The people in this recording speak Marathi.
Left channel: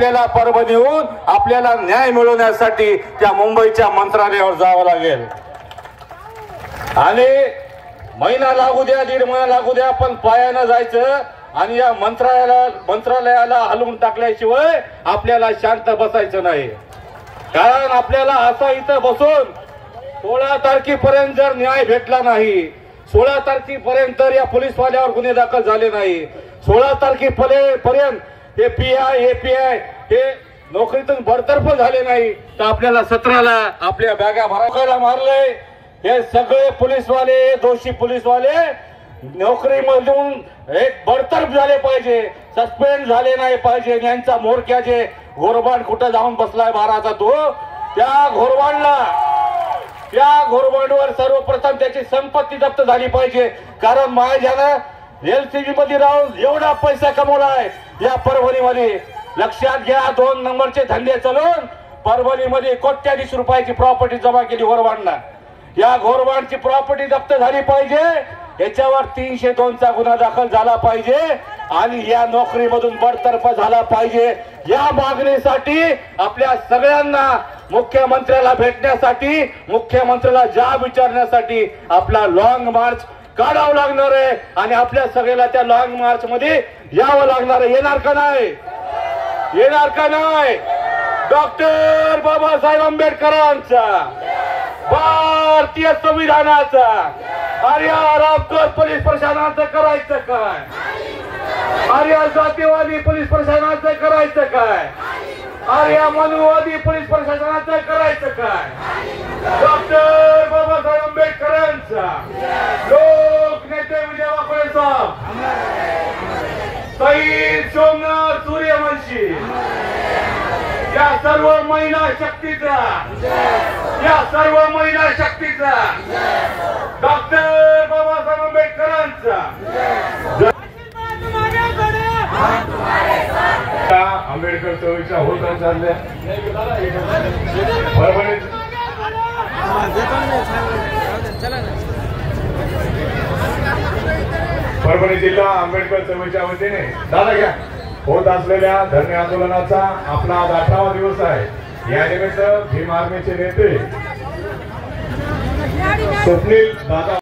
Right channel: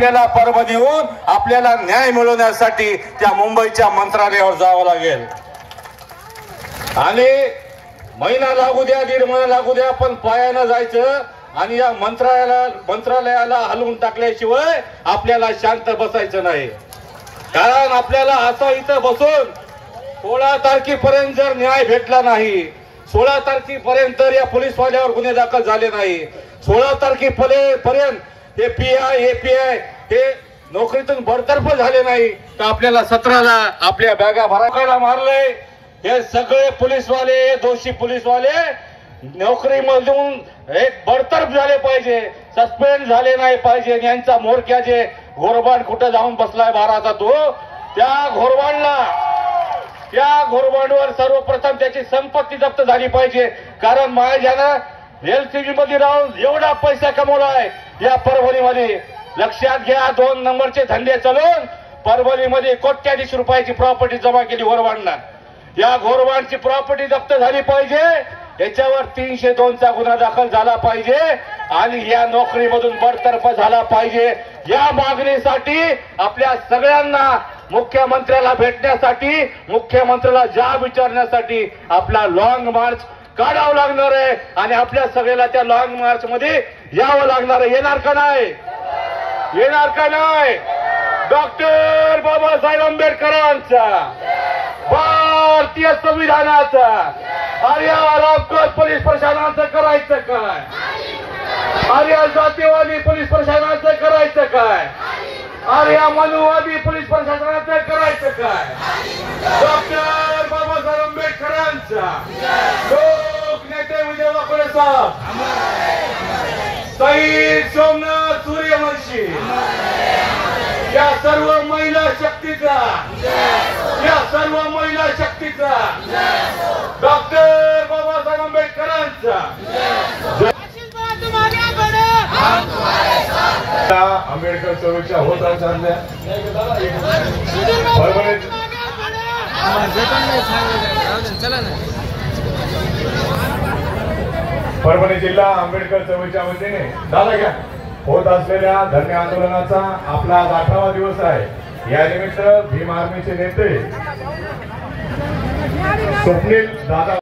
आपल्याला परभणीहून आपल्याला न्याय मिळवण्यासाठी त्या मुंबईच्या मंत्रालयावर जावं लागेल आणि महिना लागू द्या, 1.5 महिना लागू द्या, पण पायानं जायचं आणि या मंत्रालयाला हलवून टाकल्याशिवाय आपल्याला शांत बसायचं नाही। कारण आपल्याला आता इथं बसून 16 तारखेपर्यंत जर न्याय भेटला नाही, 16 तारखेपर्यंत या पोलीसवाल्यावर गुन्हे दाखल झाले नाही, 16 तारखेपर्यंत ते पीआय एपीआय ते नोकरीतून बडतर्फ झाले नाही, तर आपल्याला 17ला आपल्या बॅगा भरायला मारले। हे सगळे पोलीसवाले, दोषी पोलीसवाले नोकरीमधून एक बडतर्फ झाले पाहिजे, सस्पेंड झाले नाही पाहिजे। यांचा मोरक्या जे घोरबाड कुठे जाऊन बसलाय बाराचा, तो त्या घोरबाडवर सर्वप्रथम त्याची संपत्ती जप्त झाली पाहिजे। कारण माझ्यानं एलसीबी मध्ये राहून एवढा पैसा कमवलाय या परभणीमध्ये, लक्षात घ्या। 2 नंबरचे धंदे चालून परभणीमध्ये कोट्याधीश रुपयाची प्रॉपर्टी जमा केली घोरबाडला। या घोरबाडची प्रॉपर्टी जप्त झाली पाहिजे, याच्यावर 302चा गुन्हा दाखल झाला पाहिजे आणि या नोकरीमधून बडतर्फ झाला पाहिजे। या मागणीसाठी आपल्या सगळ्यांना मुख्यमंत्र्याला भेटण्यासाठी, मुख्यमंत्र्याला जाब विचारण्यासाठी आपला लॉंग मार्च काढावं लागणार आहे आणि आपल्या सगळ्याला त्या लॉंग मार्च मध्ये यावं लागणार आहे। येणार का नाही? येणार का नाही? डॉक्टर बाबासाहेब आंबेडकरांचा, भारतीय संविधानाचा आर्या रामकोट पोलीस प्रशासनाचं करायचं काय? आर्या जातीवादी पोलीस प्रशासनाचं करायचं काय? आर्या मनुवादी पोलीस प्रशासनाचं करायचं काय? डॉक्टर बाबासाहेब आंबेडकरांचा, लोकनेते विजय वाकळे साहेब, शहीद सोमनाथ सूर्यवंशी, या सर्व महिला शक्तीचा, या सर्व महिला शक्तीचा, डॉक्टर बाबासाहेब आंबेडकरांचा आंबेडकर चळवळीच्या होत चालल्या परभणी जिल्हा आंबेडकर चळवळीच्या वतीने दादा घ्या होत असलेल्या धरणे आंदोलनाचा आपला 18वा दिवस आहे। या निमित्त भीम आर्मीचे नेते स्वप्नील दादा